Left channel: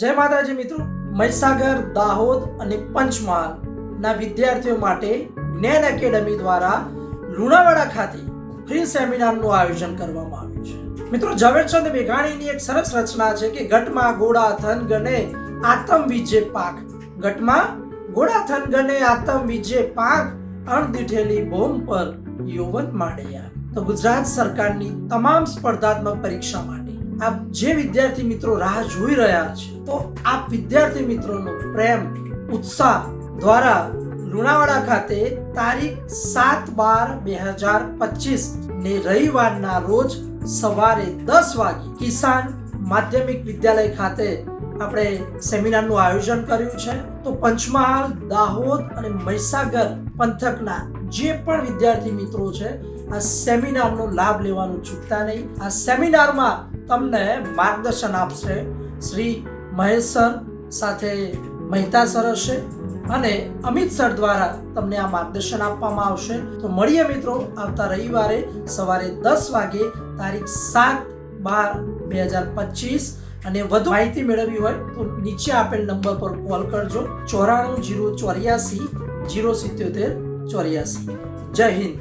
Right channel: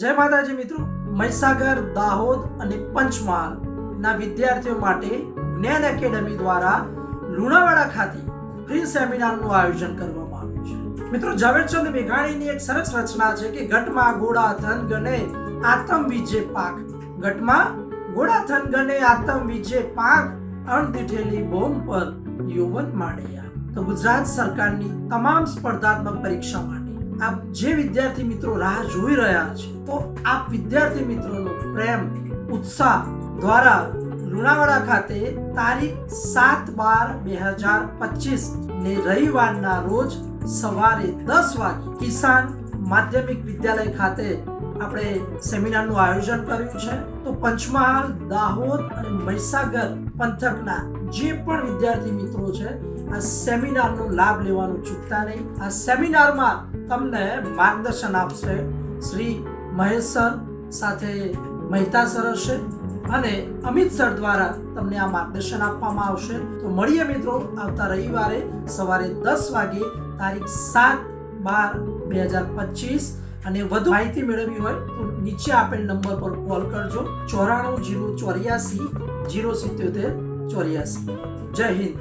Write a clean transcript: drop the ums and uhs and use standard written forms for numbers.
જય માતાજી મિત્રો, મહીસાગર, દાહોદ અને પંચમહાલના વિદ્યાર્થીઓ માટે જ્ઞાન એકેડમી દ્વારા લુણાવાડા ખાતે ફ્રી સેમિનારનું આયોજન કરવામાં આવ્યું છે. મિત્રો, ઝવેરચંદ મેઘાણીની એક સરસ રચના છે કે ઘટમાં ગોળા થન ગને આતમ વિજે પાક. ઘટમાં ગોળા થન ગને આતમ વિજે પાક, અણદીઠેલી બોમ્બ પર યૌવન માંડ્યા. તો ગુજરાત સરકારની તમામ સ્પર્ધાત્મક પરીક્ષા માટે આપ જે વિદ્યાર્થી મિત્રો રાહ જોઈ રહ્યા છે, તો આપ વિદ્યાર્થી મિત્રોનો પ્રેમ, ઉત્સાહ દ્વારા લુણાવાડા ખાતે તારીખ 7/12/2025 ને રવિવારના રોજ સવારે 10 વાગે કિસાન માધ્યમિક વિદ્યાલય ખાતે આપણે સેમિનારનું આયોજન કર્યું છે. તો પંચમહાલ, દાહોદ અને મહીસાગર પંથકના જે પણ વિદ્યાર્થી મિત્રો છે, આ સેમિનારનો લાભ લેવાનું ચૂકતા નહીં. આ સેમિનારમાં તમને માર્ગદર્શન આપશે શ્રી મહેશ સર, સાથે મહેતા સર હશે અને અમિત સર દ્વારા તમને આ માર્ગદર્શન આપવામાં આવશે. તો મળીએ મિત્રો આવતા રવિવારે સવારે 10 વાગે તારીખ 7/12/2025. અને વધુ માહિતી મેળવવી હોય તો નીચે આપેલ નંબર પર કોલ કરજો 94 084 077 84. જય હિન્દ.